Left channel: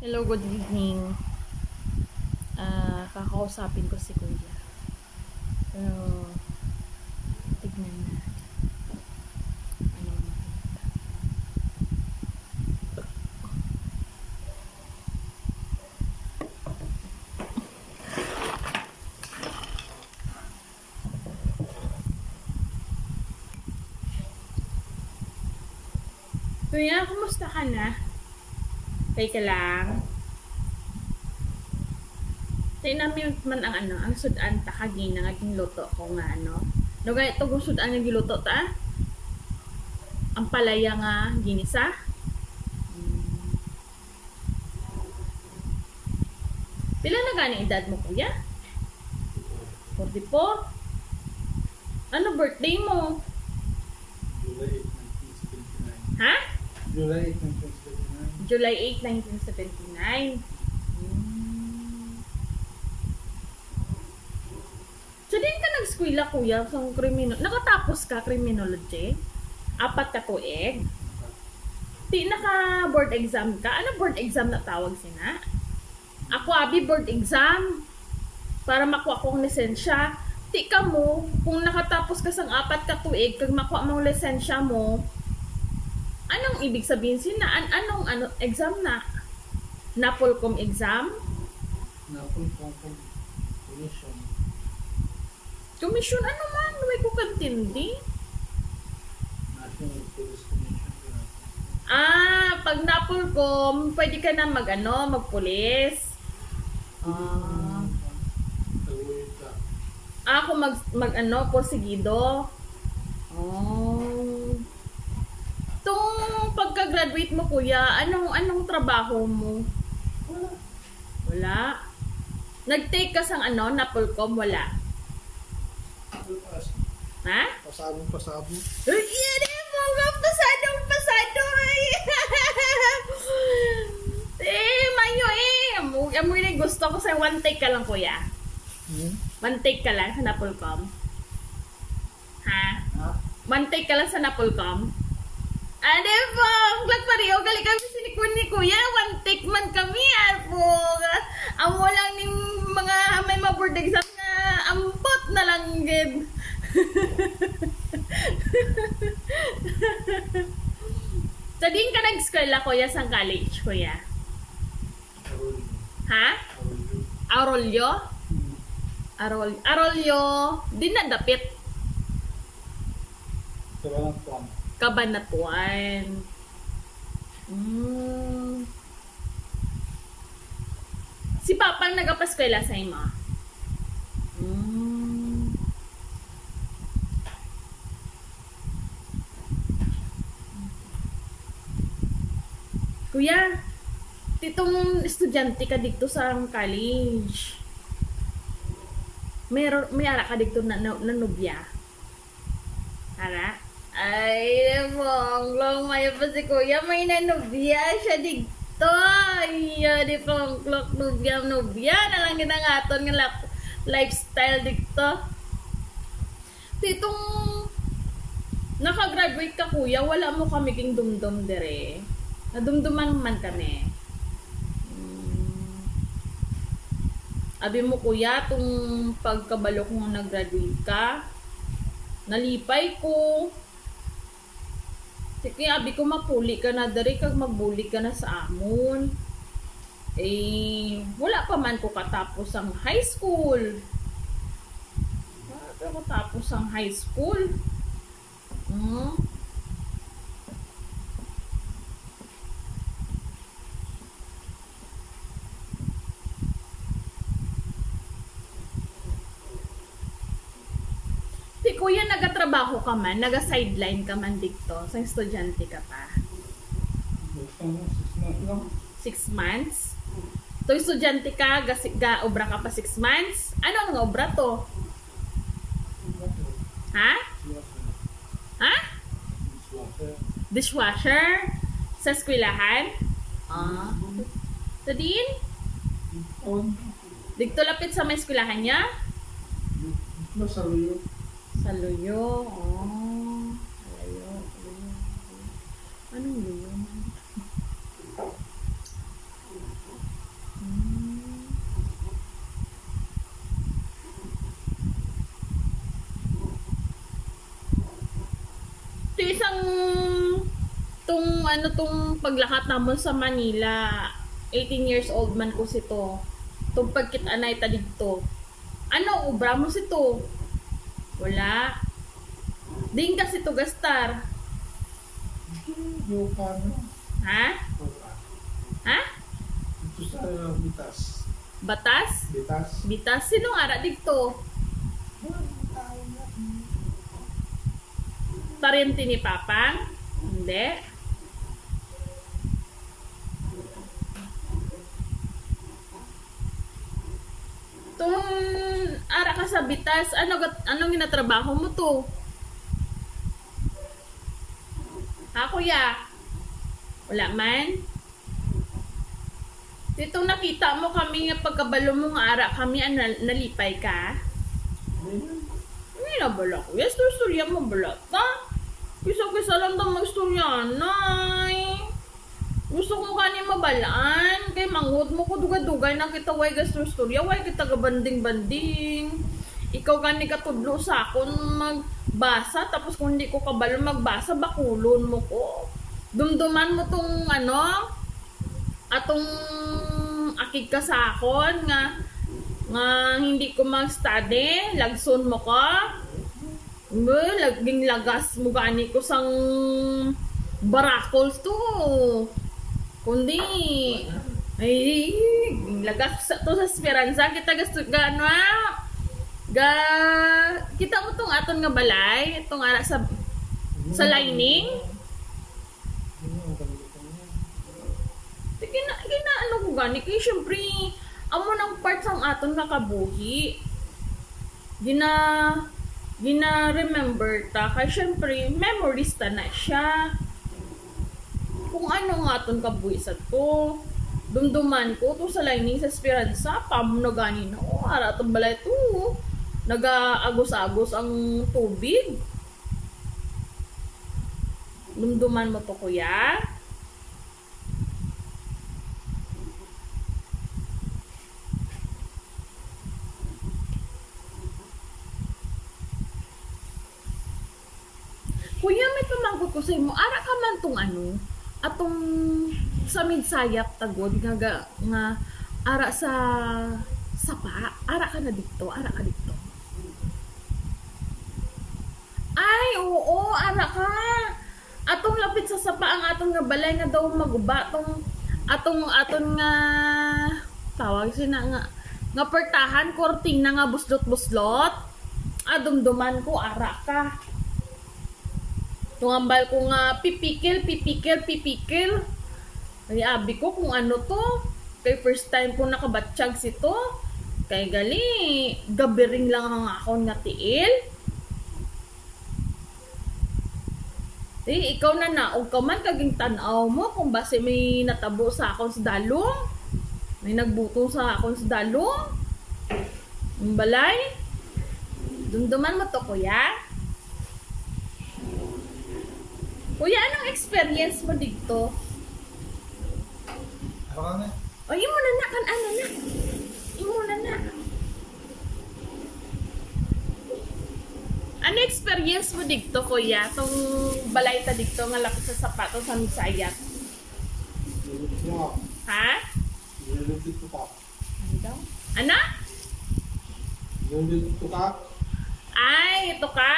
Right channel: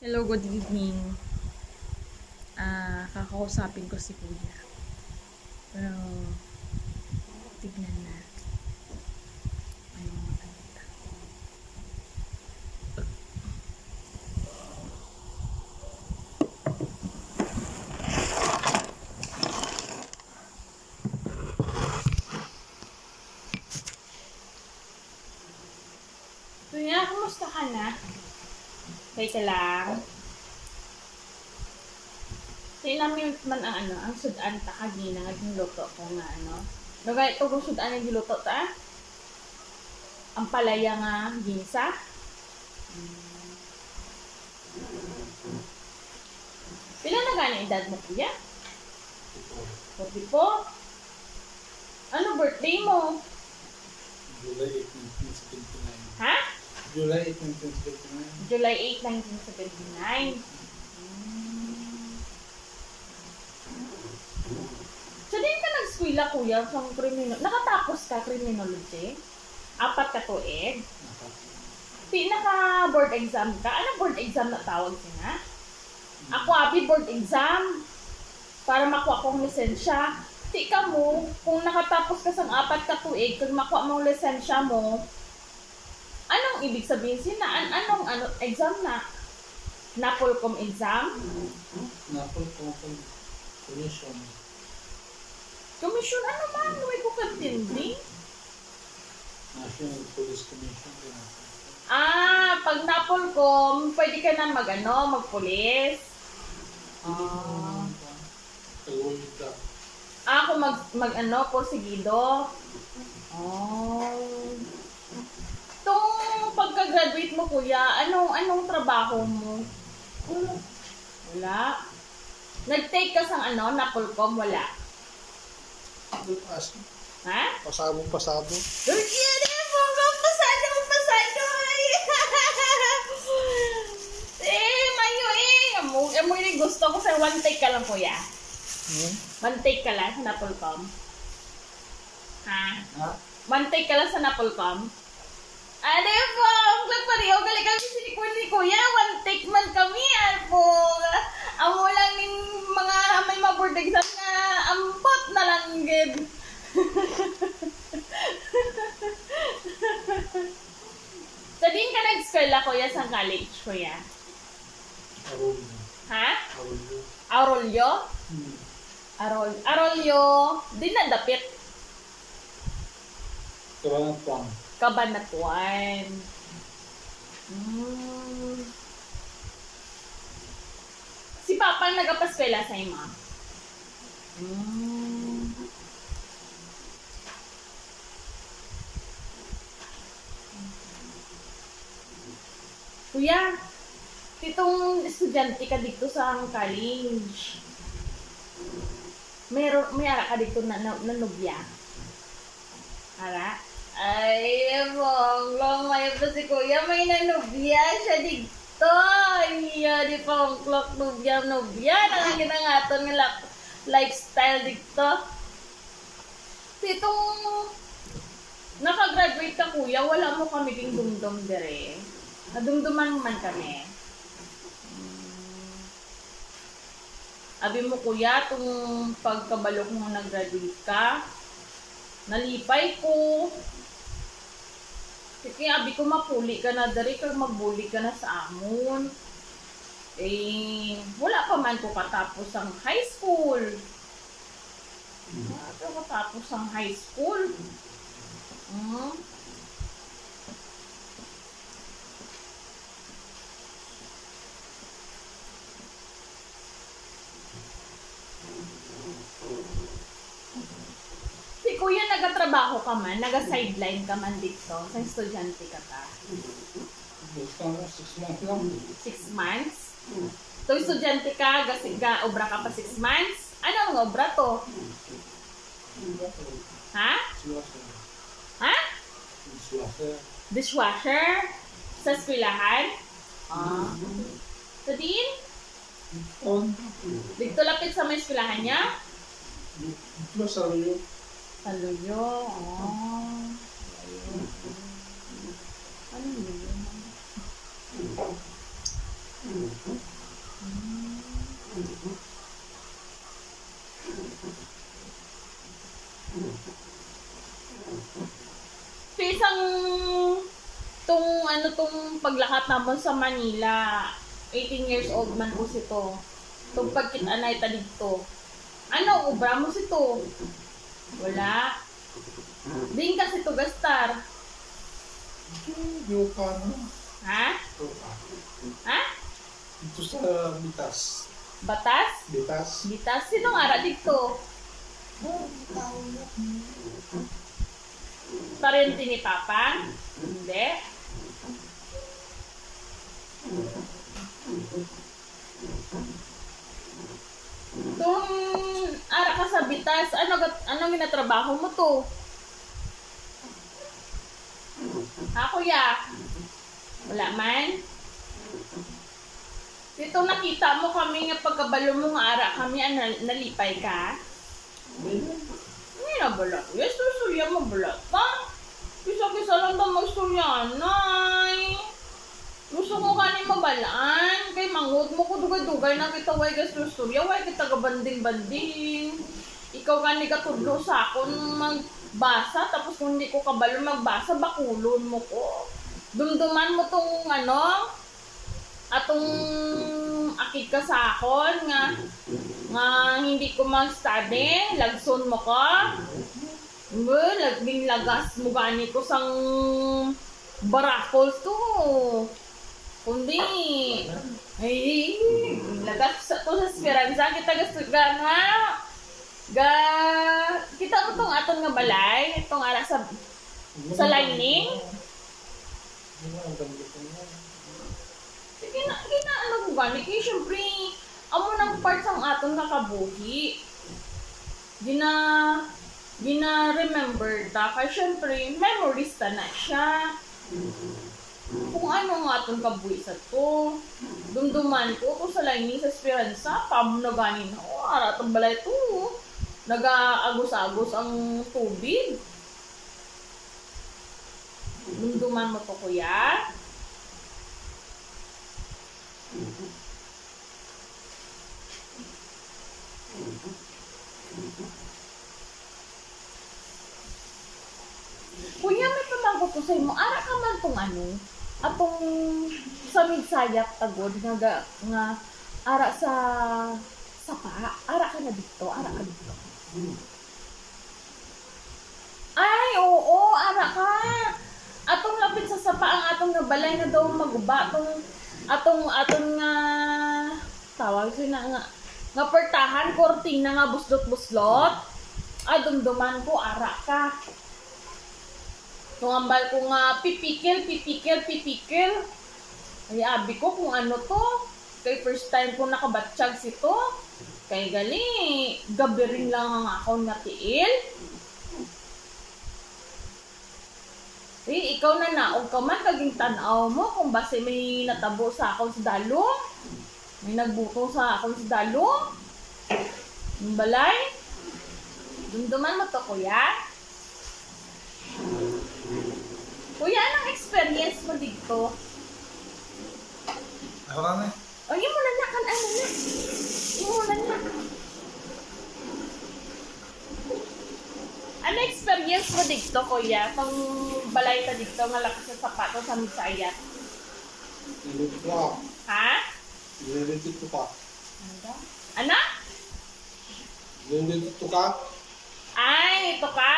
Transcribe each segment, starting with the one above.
Hello, good evening. Kakausapin ko si Kuya. Pero, tignan natin. Anong maganda. Kuya, kumusta ka na? Teka lang. Tingnan namin man ang sudan ta kagina nga giluto ko nga Nagay ito kung sudan nga giluto ta. Ang palaya nga ginisa. Pila na gani edad mo, kuya? 44? Ano birthday mo? July 8, 1979. Ha? July 8, 1979. July 8, 1979. So, din ka nag-eskwela, kuya, sa nakatapos ka criminology? 4 ka tuig? Di naka-board exam ka? Ano board exam na tawag sina? Ako, abi, board exam. Para makuha kong lisensya. Di ka mo, kung nakatapos ka sa 4 ka tuig, kung makuha mong lisensya mo, anong ibig sabihin sina? Anong exam na? Napolcom exam? Napolcom Commission. Commission ano man? Huwag ko kantindi. National Police Commission. Pag Napolcom, pwede ka na magpulis. Taguyta. Ako porsigido. Tung pagka-graduate mo, kuya, anong trabaho mo? Wala. Nag-take ka sang Napolcom, wala. Ha? Pasado. Yan mo, pasado. Mayo Amo yung gusto ko sa one take ka lang, kuya. One take ka lang sa Napolcom. Ha? One take ka lang sa Napolcom. Ade po, nagpariyo gali kami ni kuya, one take man kami, po. Amo lang yung mga may board exam na ambot na lang gid. So, din ka nag-eskwela, kuya, sa college, kuya? Arroyo. Ha? Arroyo. Arroyo, din na dapit. Kabanatuan. Kabanatuan. Si Papang nagapaskwela sa ima. Kuya, titong estudyante ka dito sa college. May ara ka dito na nubya. Ara? Ay, long may pa si kuya, may nanubya siya dito. Iya, di pangklok nubya. Nalang ginangaton nga lifestyle dito. Titong nakagraduate ka, kuya, wala mo kami king dumdum dire. Nadumduman man kami. Abi mo, kuya, itong pagkabalok mong nag-graduate ka, nalipay ko. Kaya abi ko mapuli ka na dari, kag magbuli ka na sa amon. Wala pa man ko katapos ang high school. Wala pa katapos ang high school. Kuya, nagatrabaho ka man, naga-sideline ka man dito, sa estudyante ka pa. 6 months lang. 6 months? To estudyante ka, obra ka pa 6 months? Ano ang obra to? Ha? Ha? Dishwasher? Sa eskwelahan? So din? Dito lapit sa may eskwelahan niya? Dito sa Arroyo. Sa Luyo. Anong Luyo? Ito isang tong paglakat namon sa Manila. 18 years old man ko sito. Tong pagkit-anay ta dito. Ano, ubra mo sito? Wala. Din kasi to gastar. Yoka na. Ha? Yoka. Ha? Ito sa Bitas. Batas? Bitas. Bitas? Sinong ara dito? Tao na. Parente ni Papa? Hindi. Tung ara ka sa Bitas, ano ginatrabaho mo to? Ha, kuya? Wala man? Dito nakita mo kami nga pagkabalo mo nga ara kami, nalipay ka? Hindi na balat. Yes, storya mo balat pa. Kisa-kisa lang daw mag-storya, nay. Gusto ko kani mabalaan. Kay mangod mo ko dugay-dugay na kita way gastor-storya. Way kita gabanding-banding. Ikaw kani katudlo sa akon magbasa. Tapos kung hindi ko kabalo magbasa, bakulon mo ko. Dumduman mo tong atong akid ka sa akon nga hindi ko mag-study, lagson mo ka. Laging lagas mo gani ko sang barakols to. Kundi ay lagas to sa Esperanza kita gusto gano kita mo tong aton nga balay, itong ara sa lining. Gina ano ko gani kay syempre amo nang part sang aton kakabuhi. Gina remember ta kay syempre memories ta na siya. Kung ano nga aton kabuhi sa to. Dumduman ko to sa lining sa Esperanza, pamo na gani na ara tong balay to. Naga-agos-agos ang tubig. Dumduman mo to, kuya. Kuya, may pamangko ko sa imo. Ara ka man tong atong sa midsayap tagod nga ara sa sapa. Ara ka na dito, ara ka dito. Ay, oo, ara ka. Atong lapit sa sapa ang atong nga balay nga daw maguba atong nga tawag sina nga pertahan, kortina nga buslot-buslot. Dumduman ko ara ka. Tungambal ko nga pipikil. Ay abi ko kung ano to. Kay first time ko nakabatsyag sito. Kay gali, gabi rin lang ang akon nga tiil. Ikaw na naog ka man kaging tanaw mo kung base may natabo sa akon sa dalong. May nagbuto sa akon sa dalong. Yung balay. Dumduman mo to, kuya. Kuya, anong experience mo dito? Ako na. O, yun mo na kan ano na. Yun mo na. Ano experience mo dito, kuya? Itong balay ta dito, nga laki sa sapato sa Misayat. Ha? Nililito ka. Ano? Nililito ka. Ay, ito ka?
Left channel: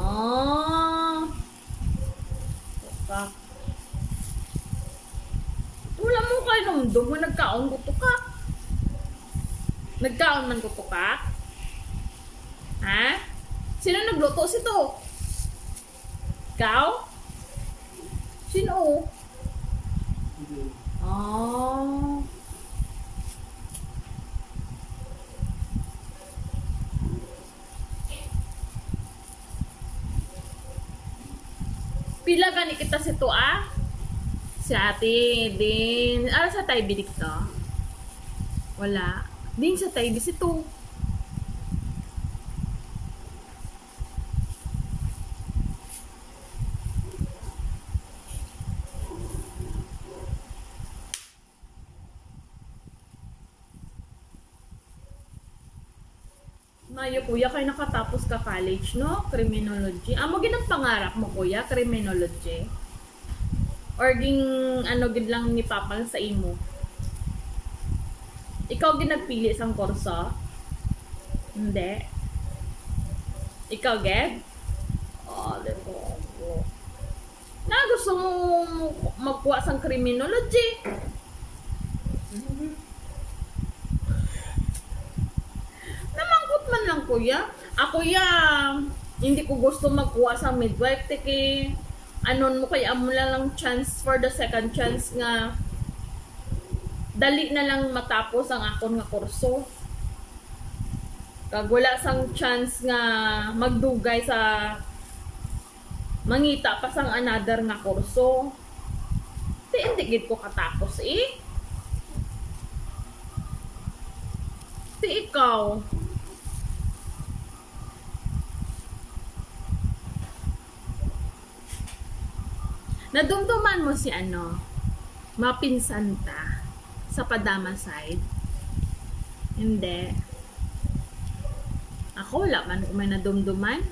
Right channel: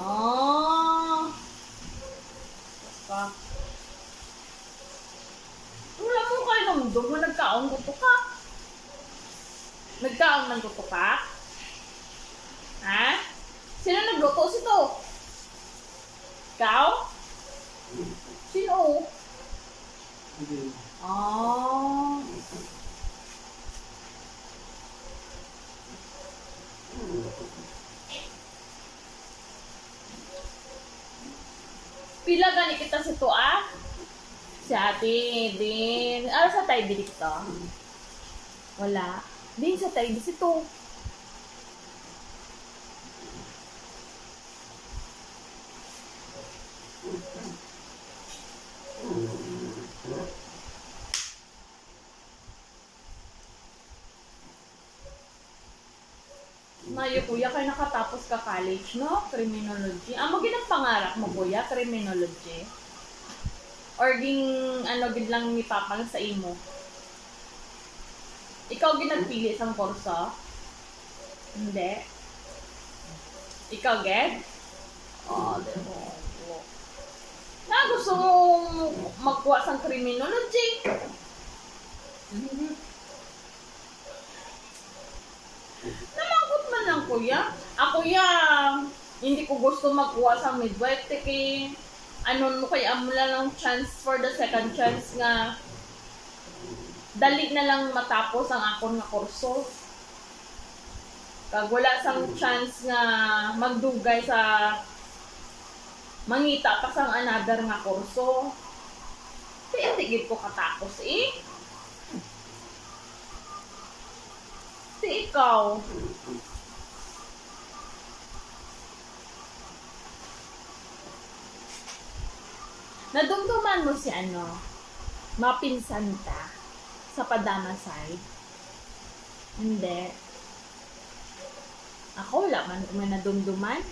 Oh. Ito ka. Wala mo kayo nang doon mo nagkaon ko to ka. Nagkaon ng to ka? Ha? Sino nagluto sito? Ikaw? Sino? Hindi. Oh. Pila gani kita sito Si ate din. Ano sa tayo bidik to? Wala. Din sa tayo bisito. maayo kuya kay nakatapos ka college, no? Criminology. Amo gid ang pangarap mo kuya, criminology. Or ging ano gid lang ni papang sa imo. Ikaw gid nagpili sang kurso? Hindi. Ikaw gid? Oh, dero. Na gusto mo magkuha sang criminology? Namangkot man lang kuya. Ako hindi ko gusto magkuha sa midwife tiki anon mo kaya mo lang chance for the second chance nga dali na lang matapos ang akon nga kurso. Kag wala sang chance nga magdugay sa mangita pa sang another nga kurso. Hindi gid ko katapos eh. Ikaw. Nadumduman mo si mapinsan ta sa Padama side? Hindi. Ako wala man kung may nadumduman.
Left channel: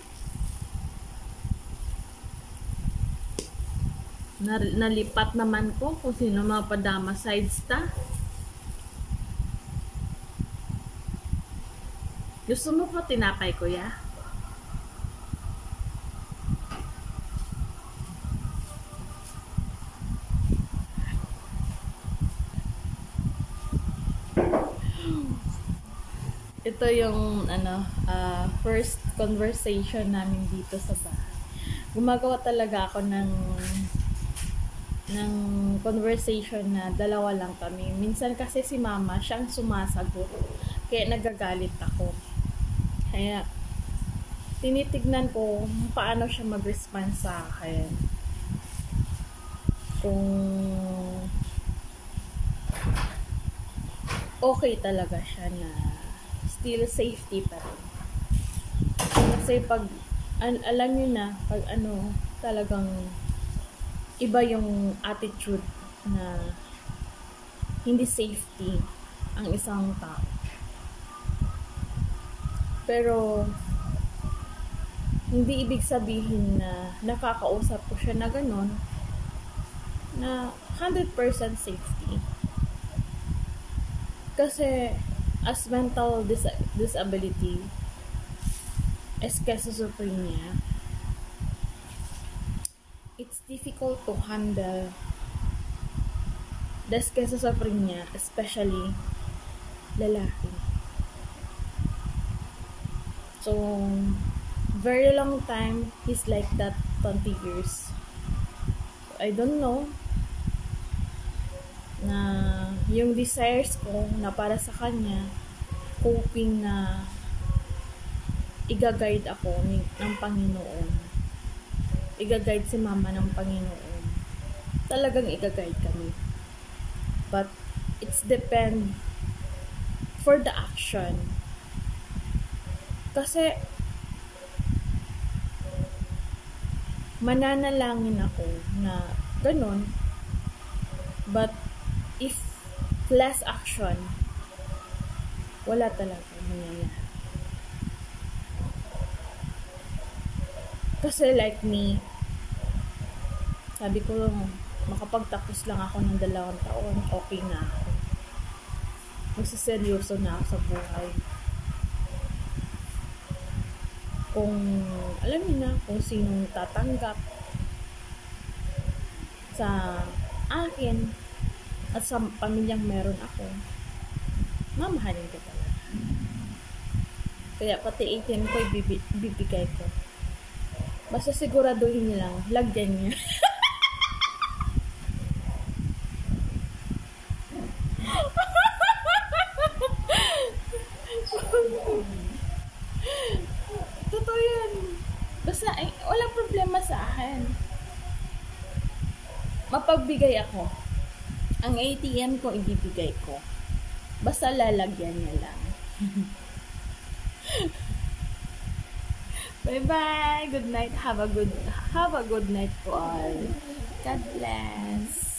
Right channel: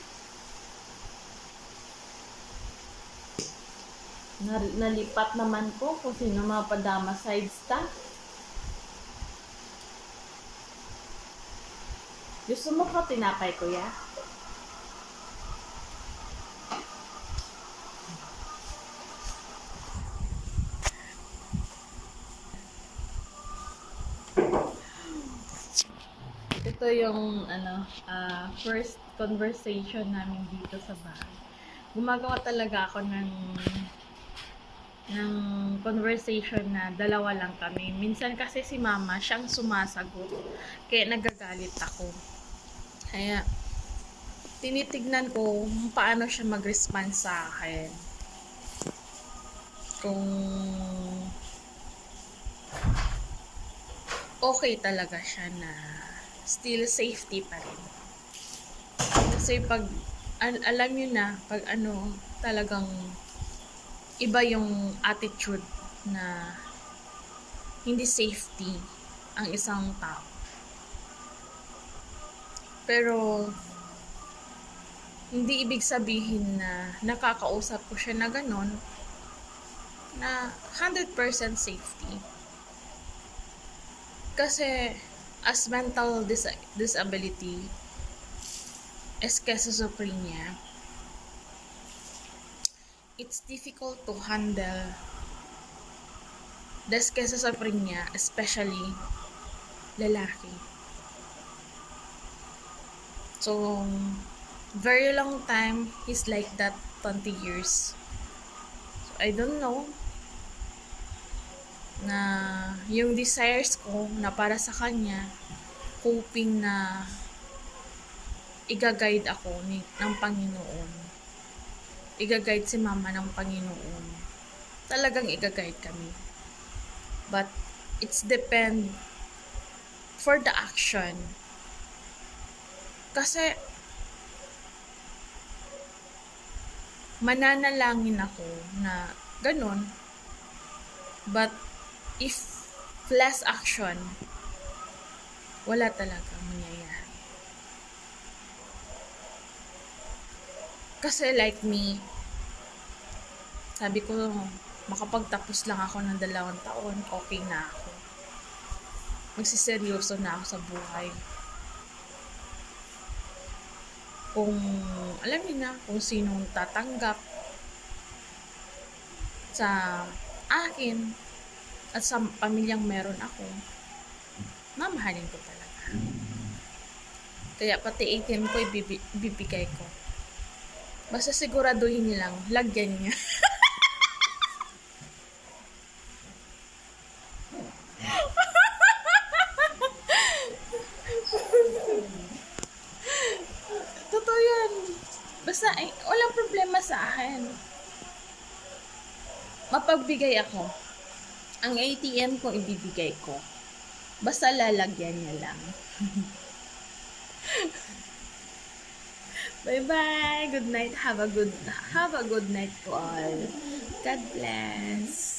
Nalipat naman ko kung sino mga Padama sides ta. Gusto mo ka tinapay kuya? Ito yung first conversation namin dito sa bahay. Gumagawa talaga ako ng conversation na dalawa lang kami. Minsan kasi si mama siyang sumasagot. Kaya nagagalit ako. Kaya tinitignan ko paano siya mag-respond sa akin. Kung okay talaga siya na still safety pa rin. Kasi pag alam nyo na, pag talagang iba yung attitude na hindi safety ang isang tao. Pero hindi ibig sabihin na nakakausap ko siya na ganon na 100% safety. Kasi as mental disability, schizophrenia, it's difficult to handle the schizophrenia, especially lalaki. So, very long time, he's like that 20 years. So, I don't know na yung desires ko na para sa kanya, hoping na iga-guide ako ng Panginoon. Iga-guide si mama ng Panginoon. Talagang iga-guide kami. But, it's depend for the action. Kasi mananalangin ako na ganun, but if less action, wala talaga mangyayari. Kasi like me, sabi ko makapagtapos lang ako ng 2 taon, okay na ako. Magsiseryoso na ako sa buhay. Kung alam niyo na kung sinong tatanggap sa akin at sa pamilyang meron ako, mamahalin ko talaga. Kaya pati ATM ko ibibigay ko. Basta siguraduhin nilang lagyan niya. Totoo yan. Basta, walang problema sa akin. Mapagbigay ako. Ang ATM ko, ibibigay ko. Basta lalagyan niya lang. Bye-bye. Good night. Have a good night to all. God bless.